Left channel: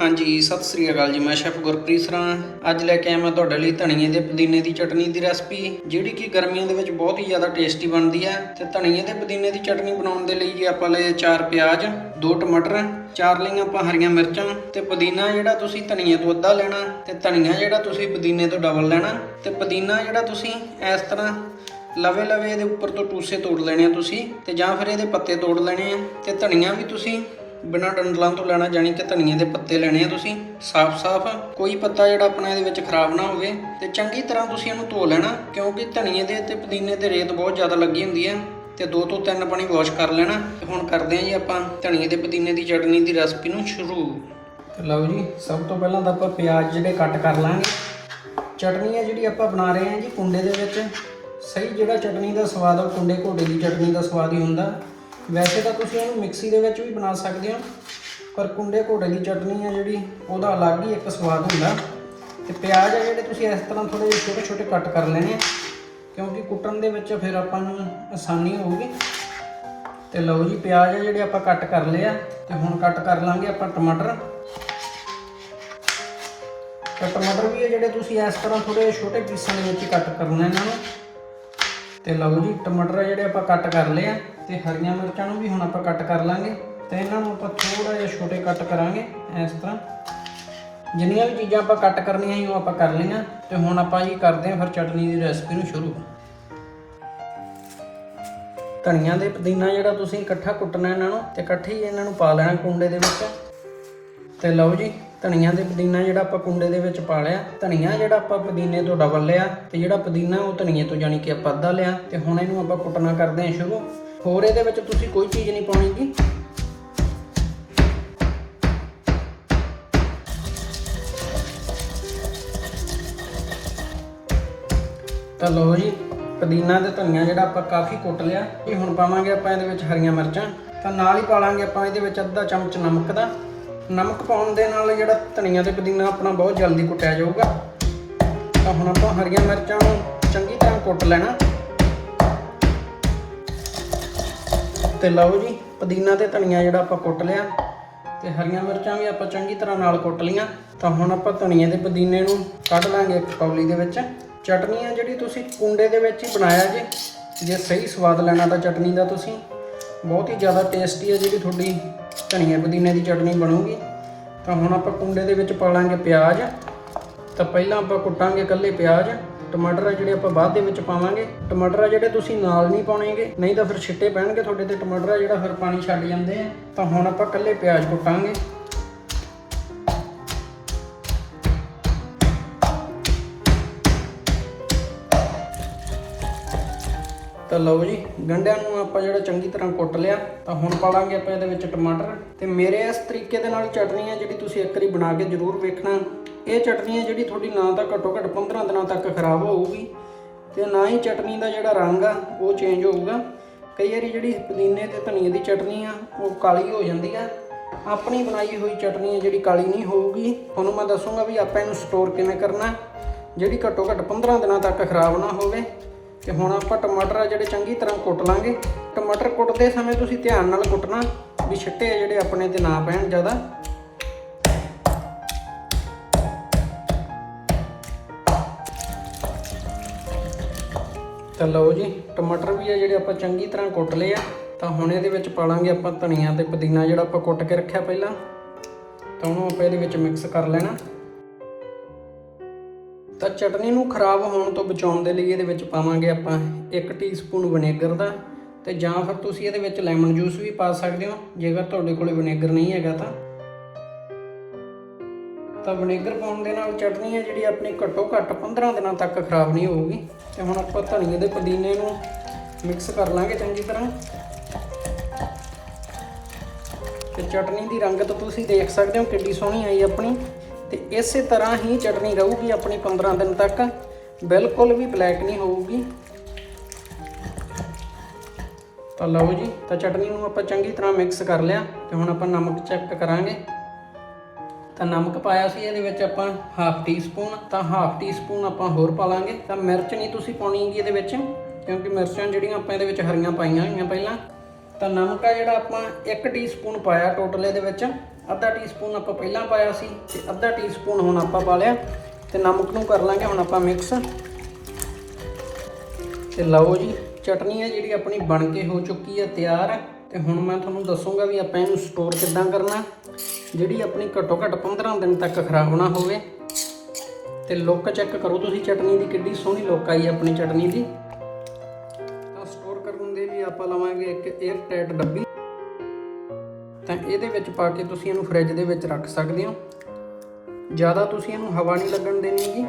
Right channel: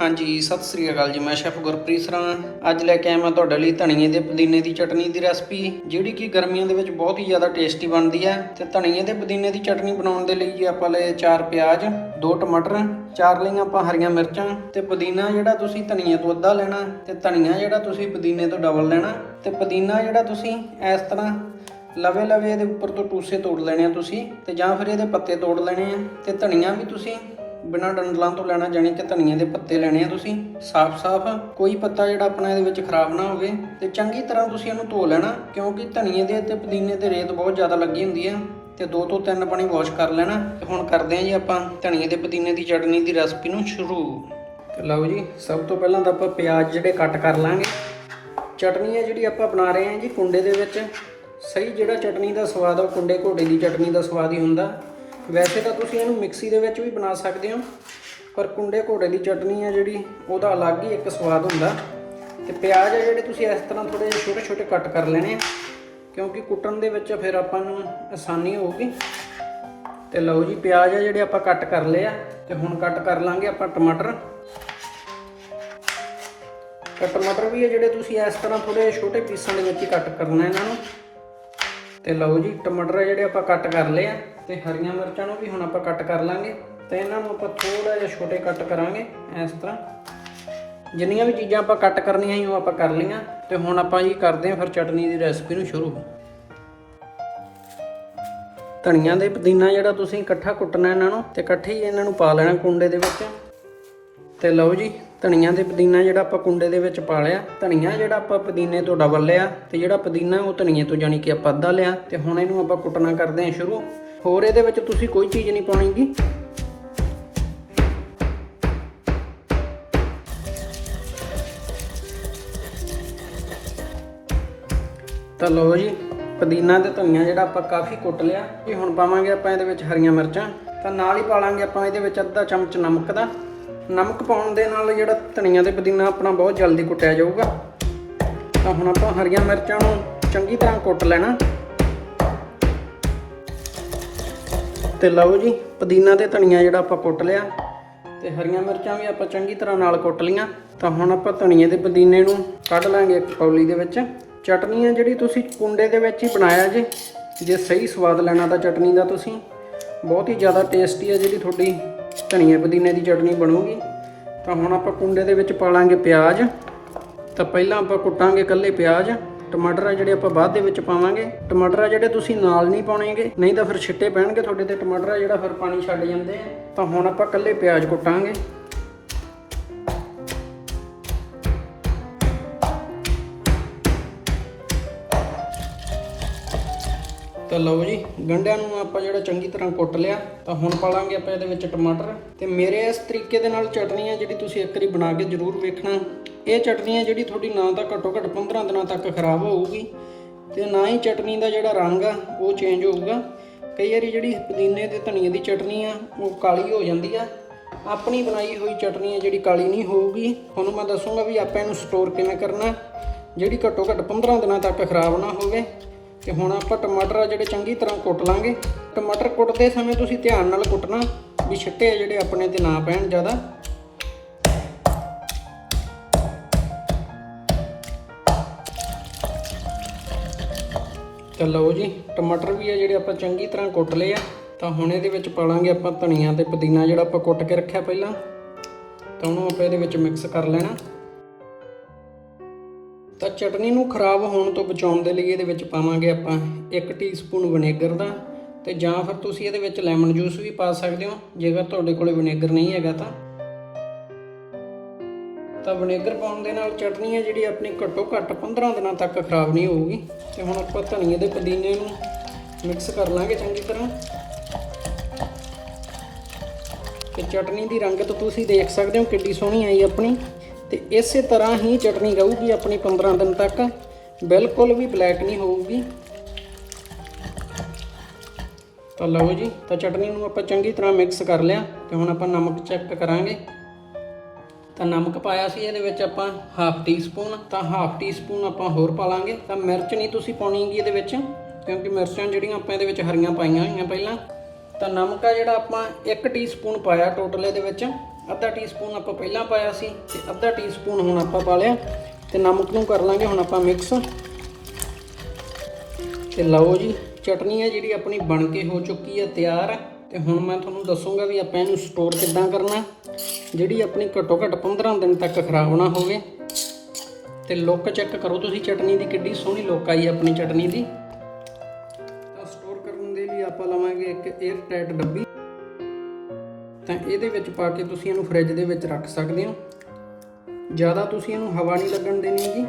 ਹਾਂਜੀ, ਸਤਿ ਸ੍ਰੀ ਅਕਾਲ ਜੀ। ਮੈਂ ਸ਼ੈਫ ਗੁਰਪ੍ਰੀਤ ਸਰਾਂ। ਅੱਜ ਲੈ ਕੇ ਆਇਆ ਮੈਂ ਤੁਹਾਡੇ ਲਈ ਧਨੀਏ ਦੇ ਪੁਦੀਨੇ ਦੀ ਚਟਨੀ ਦੀ ਰੈਸਪੀ, ਜਿਹੜੀ ਕਿ ਗਰਮੀਆਂ ਦੇ ਵਿੱਚ ਬਹੁਤ ਹੀ ਜ਼ਿਆਦਾ ਟੇਸਟੀ ਬਣਦੀ ਹੈ। ਤੇ ਧਨੀਏ ਦੇ ਪੁਦੀਨੇ ਦੀ ਚਟਨੀ ਬਣਾਉਣ ਦੇ ਲਈ ਜੀ ਆਪਾਂ ਲਏ ਚਾਰ ਪਿਆਜ਼, ਦੋ ਟਮਾਟਰ, ਚਾਰ ਲਈਆਂ ਆਪਾਂ ਹਰੀਆਂ ਮਿਰਚਾਂ ਤੇ ਪੁਦੀਨਾ ਜਿਹੜਾ ਤੁਸੀਂ ਧਨੀਏ ਤੋਂ ਅੱਧਾ ਲੈਣਾ ਤੇ ਧਨੀਆ ਜਿਹੜਾ ਤੁਸੀਂ ਪੁਦੀਨੇ ਤੋਂ ਡਬਲ ਲੈਣਾ ਤੇ ਪੁਦੀਨਾ ਜਿਹੜਾ ਤੁਸੀਂ ਇਸ ਤਰ੍ਹਾਂ ਲਵੇ ਲਵੇ ਇਹਦੇ ਉੱਪਰ ਤੋਂ ਟੂਸੇ ਤੋੜ ਲੈਣੇ ਆ ਤੁਸੀਂ ਤੇ ਜਾਂ ਫਿਰ ਇਹਦੇ ਪੱਤੇ ਤੋੜ ਲੈਣੇ ਆ ਤੇ ਧਨੀਆ ਵੀ ਤੁਸੀਂ ਬਿਨਾਂ ਡੰਡਲਾਂ ਤੋਂ ਲੈਣਾ ਜਾਨੀ ਕਿ ਧਨੀਏ ਦੇ ਪੱਤੇ ਲੈਣੇ ਆ ਤੁਸੀਂ। ਸਾਫ਼-ਸਾਫ਼ ਕੋਈ ਪੱਤਾ ਜਿਹੜਾ ਆਪਣਾ ਇਹਦੇ ਵਿੱਚ ਖਰਾਬ ਨਾ ਹੋਵੇ ਤੇ ਚੰਗੀ ਤਰ੍ਹਾਂ ਤੁਸੀਂ ਇਹਨੂੰ ਧੋ ਲੈਣਾ, ਕਿਉਂਕਿ ਧਨੀਏ ਦੇ ਤੇ ਪੁਦੀਨੇ ਤੇ ਰੇਤ ਬਹੁਤ ਜ਼ਿਆਦਾ ਲੱਗੀ ਹੁੰਦੀ ਹੈ ਤੇ ਦੋ ਤੋਂ ਤਿੰਨ ਪਾਣੀ ਵਾਸ਼ ਕਰ ਲੈਣਾ। ਤੇ ਹੁਣ ਕਰਦੇ ਹਾਂ ਜੀ ਆਪਾਂ ਧਨੀਏ ਦੇ ਪੁਦੀਨੇ ਦੀ ਚਟਨੀ ਦੀ ਰੈਸਪੀ ਨੂੰ ਸ਼ੁਰੂ। ਤੇ ਲਓ ਜੀ, ਸਭ ਤੋਂ ਪਹਿਲਾਂ ਤਾਂ ਆਪਾਂ ਪਿਆਜ਼ ਜਿਹੜੇ ਕੱਟ ਕਰ ਲਾਂਗੇ। ਚਟਨੀ ਹੈ ਜਿਹੜੀ ਆਪਾਂ ਬਣਾ ਰਹੇ ਹਾਂ ਜੀ ਕੁੰਡੇ ਦੇ ਵਿੱਚ। ਸਹੀ ਜਿਹੜਾ ਚਟਨੀ ਦਾ ਸਵਾਦ ਆ, ਕੁੰਡੇ ਘੋੜੇ ਦੀ ਚਟਨੀ ਦਾ ਸਵਾਦ ਹੀ ਹੁੰਦਾ। ਵੈਸੇ ਤਾਂ ਤੁਸੀਂ ਇਹਨੂੰ ਮਿਕਸੀ ਦੇ ਵਿੱਚ ਵੀ ਬਣਾ ਸਕਦੇ ਹੋ, ਪਰ ਕੁੰਡੇ ਘੋੜੇ ਦੀ ਚਟਨੀ ਹੈ ਜਿਹੜੀ, ਉਹਦਾ ਅਲੱਗ ਹੀ ਇੱਕ ਸਵਾਦ ਹੁੰਦਾ। ਤੇ ਪਿਆਜ਼ ਆ ਜਿਹੜੇ ਤੁਸੀਂ ਇਸ ਤਰ੍ਹਾਂ ਥੋੜੇ ਛੋਟੇ ਛੋਟੇ ਕੱਟ ਕਰ ਲੈਣੇ ਆ, ਕਿਉਂਕਿ ਕੁੱਟਣ ਦੇ ਵਿੱਚ ਫਿਰ ਆਪਾਂ ਨੂੰ ਆਸਾਨੀ ਹੋਊਗੀ। ਤੇ ਲਓ ਜੀ, ਪਿਆਜ਼ ਆ ਜਿਹੜੇ ਆਪਾਂ ਕੱਟ ਕਰ ਲਏ ਆ, ਤੇ ਹੁਣ ਕੱਟ ਕਰ ਲਾਂਗੇ ਆਪਾਂ ਟਮਾਟਰ। ਤੇ ਟਮਾਟਰ ਵੀ ਹੈ ਜਿਹੜੇ ਤੁਸੀਂ ਇਸ ਤਰ੍ਹਾਂ ਥੋੜੇ ਛੋਟੇ ਪੀਸਾਂ ਦੇ ਵਿੱਚ ਕੱਟ ਕਰਨਾ ਇਹਨਾਂ ਨੂੰ। ਤੇ ਲਓ ਜੀ, ਟਮਾਟਰ ਆ ਜਿਹੜੇ ਆਪਾਂ ਕੱਟ ਕਰ ਲਏ ਆ ਤੇ ਹਰੀਆਂ ਮਿਰਚਾਂ ਨੂੰ ਵੀ ਹੁਣ ਆਪਾਂ ਕੱਟ ਕਰ ਲਾਂਗੇ ਤੇ ਇਹਨਾਂ ਨੂੰ ਆਪਾਂ ਥੋੜਾ ਜਿਹਾ ਛੋਟੇ ਕੱਟ ਕਰਾਂਗੇ ਇਸ ਤਰ੍ਹਾਂ। ਜਿੰਨੀਆਂ ਵੀ ਚੀਜ਼ਾਂ ਆਪਾਂ ਕੱਟ ਕਰਨੀਆਂ ਸੀ ਉਹ ਆਪਾਂ ਕਰ ਲਈਆਂ ਤੇ ਹੁਣ ਆਪਾਂ ਜੀ ਕਰਦੇ ਹਾਂ ਫਿਰ ਚਟਨੀ ਦੀ ਰੈਸਪੀ ਨੂੰ ਸ਼ੁਰੂ। ਧਨੀਆ ਦੇ ਪੁਦੀਨਾ ਜਿਹੜਾ ਤੁਸੀਂ ਇਕੱਠਾ ਕੁੱਟਣਾ ਇਹਨਾਂ ਨੂੰ ਤੇ ਇਕੱਠੇ ਹੀ ਇਹਨਾਂ ਨੂੰ ਪਾ ਲੈਣਾ ਕੁੰਡੇ ਦੇ ਵਿੱਚ। ਤੇ ਲਓ ਜੀ ਧਨੀਆ ਦੇ ਪੁਦੀਨਾ ਜਿਹੜਾ ਆਪਾਂ ਕੁੰਡੇ ਦੇ ਵਿੱਚ ਪਾ ਲਿਆ, ਧਨੀਆ ਜਿਹੜਾ ਆਪਾਂ ਪੁਦੀਨੇ ਤੋਂ ਡਬਲ ਲਿਆ ਤੇ ਜਿਹੜਾ ਪੁਦੀਨਾ ਉਹ ਧਨੀਏ ਤੋਂ ਜਾਨੀ ਕਿ ਆਪਾਂ ਅੱਧਾ ਲਿਆ ਤੇ ਹੁਣ ਇਹਨੂੰ ਆਪਾਂ ਕੁੱਟਣਾ ਕਰਦੇ ਹਾਂ ਸ਼ੁਰੂ। ਹੋਰ ਇਹਦੇ ਵਿੱਚ ਤੁਸੀਂ ਕੋਈ ਚੀਜ਼ ਨਹੀਂ ਪਾਉਣੀਗੀ ਤਾਂ ਲਓ ਜੀ, ਪੁਦੀਨਾ ਤੇ ਧਨੀਆ ਜਿਹੜਾ ਆਪਾਂ ਕਾਫੀ ਕੁੱਟ ਲਿਆ। ਇਹ ਹੁਣ ਪਾਵਾਂਗੇ ਆਪਾਂ ਇਹਦੇ ਵਿੱਚ ਹਰੀਆਂ ਮਿਰਚਾਂ। ਤਾਂ ਨਾਲ ਹੀ ਪਾ ਲਾਂਗੇ ਆਪਾਂ ਇਹਦੇ ਵਿੱਚ ਅੱਧਾ ਚਮਚ ਨਮਕ ਦਾ। ਨਮਕ ਪਾਉਣ ਦੇ ਨਾਲ ਜਿਹੜਾ ਧਨੀਆ ਤੇ ਪੁਦੀਨਾ ਆਪਣਾ ਬਹੁਤ ਜਲਦੀ ਕੁੱਟਿਆ ਜਾਊਗਾ। ਤਾਂ ਹੁਣ ਆਪਾਂ ਹਰੀਆਂ ਮਿਰਚਾਂ ਨੂੰ ਚੰਗੀ ਤਰ੍ਹਾਂ ਕੁੱਟ ਲੈਣਾ। ਤੇ ਲਓ ਜੀ, ਪੁਦੀਨਾ ਤੇ ਧਨੀਆ ਜਿਹੜਾ ਆਪਾਂ ਕੁੱਟ ਲਿਆ। ਤੇ ਹਰੀਆਂ ਮਿਰਚਾਂ ਵੀ ਆਪਾਂ ਚੰਗੀ ਤਰ੍ਹਾਂ ਨਾਲ ਕੁੱਟ ਲੀਆਂ ਤਾਂ ਹੁਣ ਆਪਾਂ ਧਨੀਏ ਦੇ ਪੁਦੀਨੇ ਨੂੰ ਕੱਢ ਲਾਂਗੇ ਇੱਕ ਕੌਲੀ ਦੇ ਵਿੱਚ। ਚਟਨੀ ਹੈ ਜਿਹੜੀ ਤੁਸੀਂ ਕੁੰਡੇ ਦੇ ਵਿੱਚ ਹੀ ਬਣਾਇਆ ਜੀ। ਜੇ ਸਹੀ ਸਵਾਦ ਲੈਣਾ ਤਾਂ ਚਟਨੀ ਦਾ ਤੁਸੀਂ। ਬਹੁਤ ਹੀ ਜ਼ਿਆਦਾ ਟੇਸਟੀ ਹੈ ਜਿਹੜੀ ਤੁਹਾਡੀ ਧਨੀਆ ਪੁਦੀਨੇ ਦੀ ਚਟਨੀ ਬਣੂਗੀ। ਤਾਂ ਹੁਣ ਆਪਾਂ ਕੁੰਡੇ ਦੇ ਵਿੱਚ ਪਾ ਲਾਂਗੇ ਪਿਆਜ਼। ਤਾਂ ਪਹਿਲਾਂ ਆਪਾਂ ਕੁੱਟਾਂਗੇ ਇਕੱਲੇ ਪਿਆਜ਼। ਟਮਾਟਰ ਆ ਜਿਹੜੇ ਆਪਾਂ ਬਾਅਦ ਦੇ ਵਿੱਚ ਪਾਵਾਂਗੇ। ਟਮਾਟਰ ਆ ਜਿਹੜੇ ਤੁਸੀਂ ਨਾਲ ਨਹੀਂ ਪਾਉਣੇਗੇ, ਨਹੀਂ ਤਾਂ ਫਿਰ ਛਿੱਟੇ ਪੈਣਗੇ ਤੁਹਾਡੇ ਤੇ। ਟਮਾਟਰ ਆ ਜਿਹੜਾ ਫਿਰ ਪਾਣੀ ਛੱਡ ਜਾਂਦੇ ਆ। ਤਾਂ ਹੁਣ ਆਪਾਂ ਇਕੱਲੇ ਪਿਆਜ਼ ਕੁੱਟਾਂਗੇ। ਤਾਂ ਲਓ ਜੀ ਗੰਢਿਆਂ ਨੂੰ ਆਪਾਂ ਜਿਹੜਾ ਚੰਗੀ ਤਰ੍ਹਾਂ ਕੁੱਟ ਲਿਆ, ਤਾਂ ਹੁਣ ਪਾ ਲਾਂਗੇ ਆਪਾਂ ਇਹਦੇ ਵਿੱਚ ਟਮਾਟਰ। ਤੇ ਮੇਰੇ ਇਸ ਤਰੀਕੇ ਦੇ ਨਾਲ ਚਟਨੀ ਹੈ ਜਿਹੜੀ ਤੁਸੀਂ ਇੱਕ ਵਾਰੀ ਬਣਾ ਕੇ ਜ਼ਰੂਰ ਵੇਖਣਾ। ਇਹ ਚਟਨੀ ਹੈ ਜਿਹੜੀ ਤੁਹਾਡੀ ਨਾ ਤਾਂ ਘੱਟੋ ਘੱਟ 15 ਦਿਨਾਂ ਤੱਕ ਖਰਾਬ ਹੋਊਗੀ। ਤੇ ਨਾ ਹੀ ਚਟਨੀ ਦਾ ਜਿਹੜਾ ਰੰਗ ਆ, ਉਹ ਚੇਂਜ ਹੋਊਗਾ। ਕਈ ਵਾਰੀ ਜਿਹੜੀ ਪੁਦੀਨੇ ਤੇ ਧਨੀਏ ਦੀ ਚਟਨੀ ਆ, ਉਹ ਕਾਲੀ ਹੋ ਜਾਂਦੀ ਆ। ਆਪਣੀ ਬਣਾਈ ਹੋਈ ਚਟਨੀ ਹੈ ਜਿਹੜੀ ਕਾਲੀ ਨਹੀਂ ਹੋਊਗੀ। ਤੁਹਾਨੂੰ ਮੈਂ ਦੱਸੂਗਾ ਵੀ ਆਪਾਂ ਇਹਨੂੰ ਸਟੋਰ ਕਿਵੇਂ ਕਰਨਾ। ਜਿਹੜੀ ਘੱਟੋ ਘੱਟ 15 ਦਿਨਾਂ ਤੱਕ ਖਰਾਬ ਨਾ ਹੋਵੇ। ਤੇ ਹੁਣ ਆਪਾਂ ਟਮਾਟਰ ਆ ਜਿਹੜੇ ਚੰਗੀ ਤਰ੍ਹਾਂ ਕੁੱਟ ਲਾਂਗੇ। ਟਮਾਟਰ ਕੁੱਟਦੇ ਸਮੇਂ ਤੁਸੀਂ ਧਿਆਨ ਨਾਲ ਕੁੱਟਣਾ ਵੀ ਛਿੱਟੇ ਆ ਜਿਹੜੇ ਆਪਣੇ ਤੇ ਨਾ ਪੈਣ ਜ਼ਿਆਦਾ। ਤਾਂ ਲਓ ਜੀ, ਟਮਾਟਰ ਵੀ ਆ ਜਿਹੜੇ ਆਪਾਂ ਚੰਗੀ ਤਰ੍ਹਾਂ ਕੁੱਟ ਲਏ ਆ। ਤਾਂ ਹੁਣ ਇਹਦੇ ਵਿੱਚ ਪਾ ਲਾਂਗੇ ਆਪਾਂ ਧਨੀਆ ਤੇ ਪੁਦੀਨਾ ਜਿਹੜਾ ਆਪਾਂ ਕੁੱਟ ਕੇ ਰੱਖਿਆ ਪਹਿਲਾਂ। ਤਾਂ ਉਹਨੂੰ ਆਪਾਂ ਇਹਦੇ ਵਿੱਚ ਮਿਕਸ ਕਰ ਲੈਣਾ। ਤਾਂ ਚਟਨੀ ਨੂੰ ਖਰਾਬ ਹੋਣ ਤੋਂ ਬਚਾਉਣ ਦੇ ਲਈ ਇਹਦੇ ਵਿੱਚ ਪਾਵਾਂਗੇ ਆਪਾਂ 1 ਟੀਸਪੂਨ ਵਿਨੇਗਰ ਦਾ ਤੇ ਜਾਂ ਫਿਰ ਤੁਸੀਂ ਇਹਦੇ ਵਿੱਚ ਲੈਮਨ ਜੂਸ ਵੀ ਪਾ ਸਕਦੇ ਹੋ, ਜੇਕਰ ਤੁਹਾਡੇ ਕੋਲ ਵਿਨੇਗਰ ਨਹੀਂ ਹੈਗਾ ਤਾਂ। ਤਾਂ ਵਿਨੇਗਰ ਪਾਉਣ ਦੇ ਨਾਲ ਚਟਨੀ ਹੈ ਜਿਹੜੀ ਆਪਣੀ ਘੱਟੋ ਘੱਟ 15 ਦਿਨਾਂ ਤੱਕ ਖਰਾਬ ਨਹੀਂ ਹੋਊਗੀ। ਤੇ ਹੁਣ ਆਪਾਂ ਧਨੀਏ ਦੇ ਪੁਦੀਨੇ ਨੂੰ ਮਿਕਸ ਕਰ ਲਾਂਗੇ ਚੰਗੀ ਤਰ੍ਹਾਂ। ਤੇ ਚਟਨੀ ਦੀ ਰੰਗਤ ਤੁਸੀਂ ਦੇਖ ਸਕਦੇ ਹੋ ਕਿੰਨੀ ਸੋਹਣੀ ਆਈ ਆਪਣੀ। ਤੇ ਇਸੇ ਤਰ੍ਹਾਂ ਹੀ ਚਟਨੀ ਰਹੂਗੀ ਆਪਣੀ 15 ਦਿਨ ਤੱਕ। ਬਿਲਕੁਲ ਵੀ ਬਲੈਕ ਨਹੀਂ ਹੋਊਗੀ। ਤਾਂ ਲਓ ਜੀ, ਤਾਂ ਚਟਨੀ ਨੂੰ ਆਪਾਂ ਚੰਗੀ ਤਰ੍ਹਾਂ ਮਿਕਸ ਕਰ ਲਿਆ ਤੇ ਹੁਣ ਆਪਾਂ ਨਮਕ ਚੈੱਕ ਕਰਾਂਗੇ। ਤਾਂ ਨਮਕ ਪਾਇਆ ਸੀ, ਇਹਦੇ ਵਿੱਚ ਆਪਾਂ ਹਾਫ ਟੀ ਸਪੂਨ ਤਾਂ ਹਾਫ ਟੀ ਸਪੂਨ ਆਪਾਂ ਹੋਰ ਪਾ ਲਾਂਗੇ ਤਾਂ ਮਿਰਚ ਨਹੀਂ ਤੁਸੀਂ ਪਾਉਣੀ ਹੈਗੀ ਇਹਦੇ ਵਿੱਚ, ਕਿਉਂਕਿ ਮਿਰਚਾਂ ਜਿਹੜੀਆਂ ਆਪਾਂ ਇਹਦੇ ਵਿੱਚ ਹਰੀਆਂ ਪਾਈਆਂ ਹੋਈਆਂ ਪਹਿਲਾਂ। ਤਾਂ ਨਮਕ ਆ ਜਿਹੜਾ ਆਪਾਂ 1 ਟੀ ਸਪੂਨ ਪਾਇਆ ਟੋਟਲ ਇਹਦੇ ਵਿੱਚ। ਅੱਧਾ ਟੀਸਪੂਨ ਆਪਾਂ ਪਹਿਲਾਂ ਪਾਇਆ ਸੀ ਤੇ ਅੱਧਾ ਟੀਸਪੂਨ ਹੁਣ ਆਪਾਂ ਪਾ ਲਿਆ ਤੇ ਨਮਕ ਨੂੰ ਕਰ ਲਾਂਗੇ ਹੁਣ ਆਪਾਂ ਮਿਕਸ ਤੇ ਲਓ ਜੀ, ਚਟਨੀ ਹੈ ਜਿਹੜੀ ਆਪਣੀ ਬਣ ਕੇ ਹੋ ਚੁੱਕੀ ਹੈ ਤਿਆਰ। ਹੈ ਤੇ ਹੁਣ ਮੈਂ ਤੁਹਾਨੂੰ ਦੱਸੂਗਾ ਵੀ ਆਪਾਂ ਇਹਨੂੰ ਸਟੋਰ ਕਿੱਦਾਂ ਕਰਨਾ। ਜਿਹੜੀ ਆਪਣੀ ਘੱਟੋ ਘੱਟ 15 ਦਿਨ ਤੱਕ ਖਰਾਬ ਨਾ ਹੋਵੇ। ਤੇ ਲੁੱਕ ਚੈੱਕ ਕਰੋ ਤੁਸੀਂ, ਚਟਨੀ ਦੀ ਕਿੱਡੀ ਸੋਹਣੀ ਲੁੱਕ ਆਈ ਹੈ ਆਪਣੀ ਚਟਨੀ ਦੀ। ਇੱਕ 에ਅਰ ਟਾਈਟ ਡੱਬੀ। ਤਾਂ ਇਹਦੇ ਵਿੱਚ ਪਾ ਕੇ ਤੁਸੀਂ ਇਹਨੂੰ ਫ੍ਰਿਜ ਦੇ ਵਿੱਚ ਰੱਖ ਸਕਦੇ ਹੋ। ਜ਼ਿਆਦਾ ਤੁਸੀਂ ਇਹਨੂੰ ਹਵਾ ਨਹੀਂ ਲੱਗਣ ਦੇਣੀ ਜੀ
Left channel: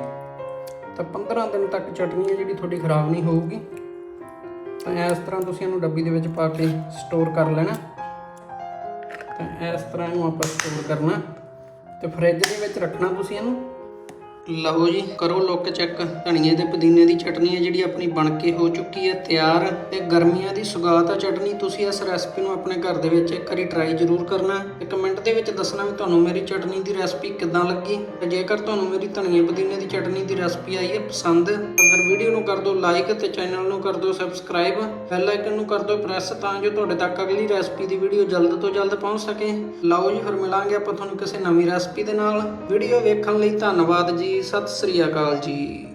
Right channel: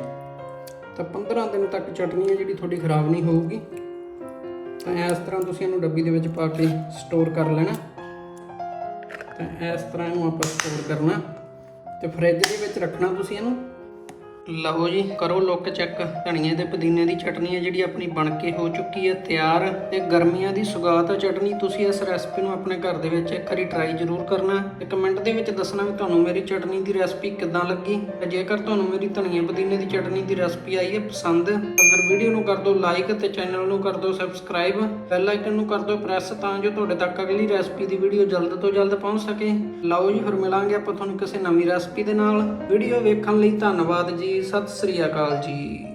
ਤਾਂ 15 ਦਿਨ ਤੱਕ ਚਟਨੀ ਹੈ ਜਿਹੜੀ ਤੁਹਾਡੀ ਖਰਾਬ ਨਹੀਂ ਹੋਊਗੀ। ਤਾਂ ਇਸ ਤਰ੍ਹਾਂ ਤੁਸੀਂ ਇਹਨੂੰ ਡੱਬੀ ਦੇ ਵਿੱਚ ਪਾ ਕੇ ਸਟੋਰ ਕਰ ਲੈਣਾ। ਤਾਂ ਇਸ ਤਰ੍ਹਾਂ ਇਹਨੂੰ ਆਪਾਂ ਸਟੋਰ ਕਰਨਾ। ਤੇ ਫ੍ਰਿਜ ਦੇ ਵਿੱਚ ਰੱਖਣਾ ਤੁਸੀਂ ਇਹਨੂੰ। ਲਓ ਜੀ, ਕਰੋ ਲੁੱਕ ਚੈੱਕ ਧਨੀਏ ਤੇ ਪੁਦੀਨੇ ਦੀ ਚਟਨੀ ਹੈ ਜਿਹੜੀ ਆਪਣੀ ਬਣ ਕੇ ਹੋ ਚੁੱਕੀ ਹੈ, ਤਿਆਰ। ਤੇ ਗਰਮੀਆਂ ਦੀ ਸੁਗਾਤ ਆ ਚਟਨੀ, ਤੁਸੀਂ ਇਸ ਰੈਸਪੀ ਨੂੰ ਆਪਣੇ ਘਰ ਦੇ ਵਿੱਚ ਇੱਕ ਵਾਰੀ ਟਰਾਈ ਜ਼ਰੂਰ ਕਰਨਾ ਤੇ ਕਮੈਂਟ ਦੇ ਵਿੱਚ ਦੱਸਣਾ ਵੀ ਤੁਹਾਨੂੰ ਮੇਰੀ ਚਟਨੀ ਦੀ ਰੈਸਪੀ ਕਿੱਦਾਂ ਲੱਗੀ। ਤੇ ਜੇਕਰ ਤੁਹਾਨੂੰ ਮੇਰੀ ਧਨੀਏ ਪੁਦੀਨੇ ਦੀ ਚਟਨੀ ਦੀ ਰੈਸਪੀ ਆਈ ਹੈ ਪਸੰਦ, ਤਾਂ ਫਿਰ ਵੀਡੀਓ ਨੂੰ ਕਰ ਦਿਓ ਲਾਈਕ ਤੇ ਚੈਨਲ ਨੂੰ ਕਰ ਦਿਓ ਸਬਸਕ੍ਰਾਈਬ ਬੈਲ ਆਈਕਨ ਨੂੰ ਕਰ ਦਿਓ ਪ੍ਰੈਸ ਤਾਂ ਜੋ ਤੁਹਾਡੇ ਤੱਕ ਅਗਲੀ ਰੈਸਪੀ ਦੀ ਵੀਡੀਓ ਜਲਦ ਤੋਂ ਜਲਦ ਪਹੁੰਚ ਸਕੇ। ਲਓ ਜੀ, ਫਿਰ ਮਿਲਾਂਗੇ ਆਪਾਂ ਤੁਹਾਨੂੰ ਕਿਸੇ ਨਵੀਂ ਰੈਸਪੀ ਦੇ ਨਾਲ। ਵੀਡੀਓ ਵੇਖਣ ਲਈ ਧੰਨਵਾਦ ਜੀ। ਜੀ ਸਤਿ ਸ੍ਰੀ ਅਕਾਲ ਜੀ।